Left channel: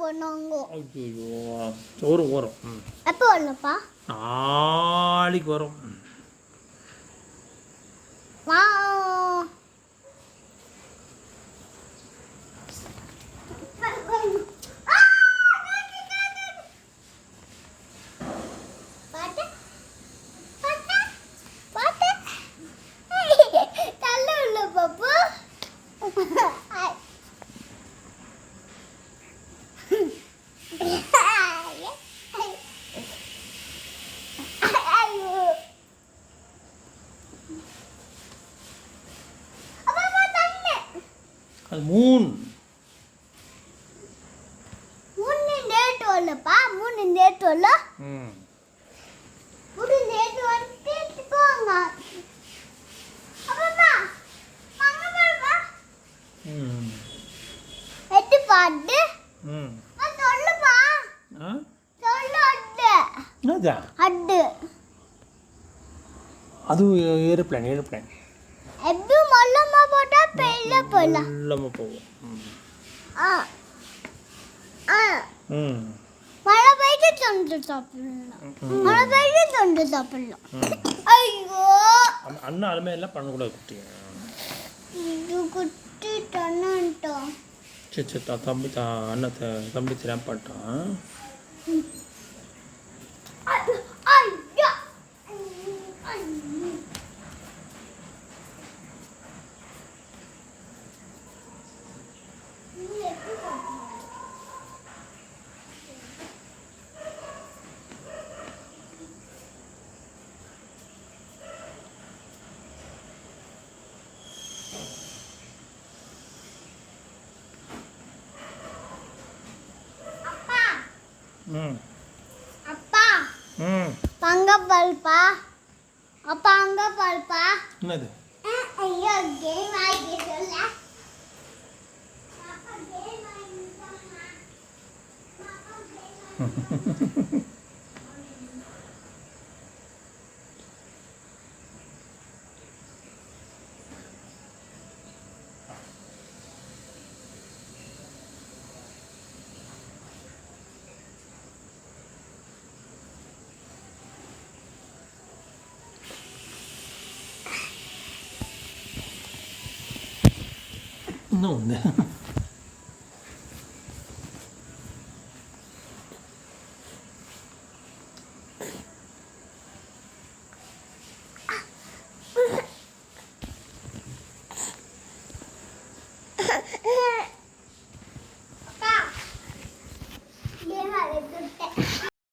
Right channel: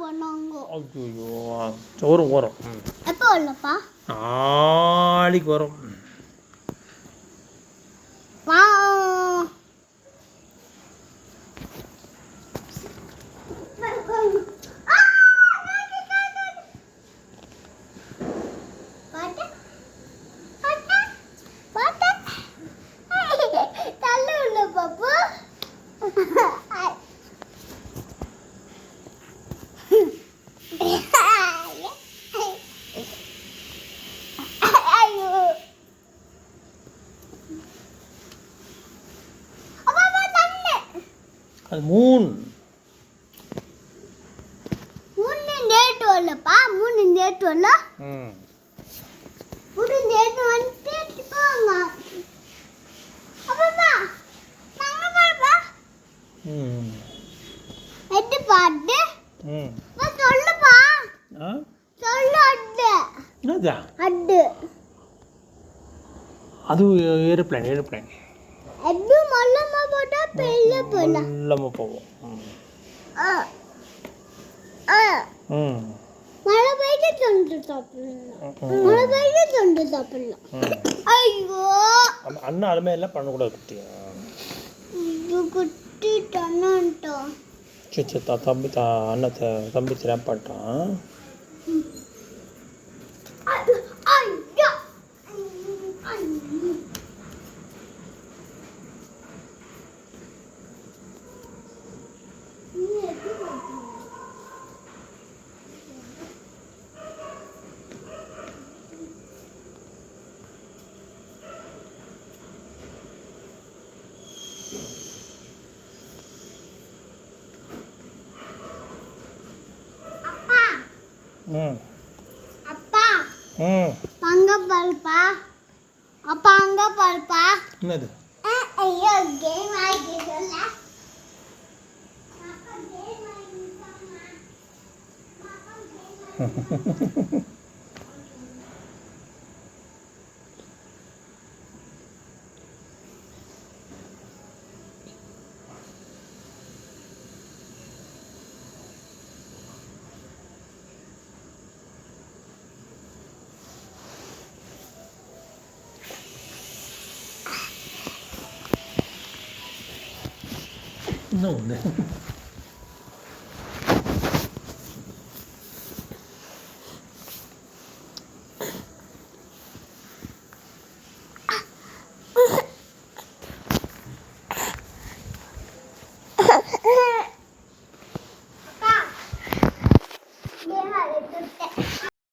போனாங்க. ஐயோ வரும் வரும். எப்போ வரலப்பா? நாளைக்கு வரும். வா. அது மூன். மூணு டேட் வரலப்பா. மூணு டேட் வரல. மூணு டேட் வந்துட்டு போங்க. அப்பா வாங்க பாப்பா. எட்டு பாட்டு. நான் சொல்லுப்பா. சொல்லு அட்டு. என்னதா? அட்டு. அது ஏரோப்ளேன். எப்படி மல்லமா போட்டா பெரிய போனா. மல்லமா போவோம். மழை பெய்து தொண்டு சாப்பிடலாம். மழை பெய்து தொண்டு சாப்பிடலாம். ஐயோ அண்ணா அதுமே எல்லாம் பண்ணக்கூடாது குட்டி. இது குட்டி தண்ணன்ட்டா. சரி அண்ணா தம்பி தெரியாம பண்ணிட்டான். அப்பா அங்க பாருப்பா. அப்பா அங்க பாருப்பா. என்னது? ஐயோ கேம் ஆயிடுச்சுல. No.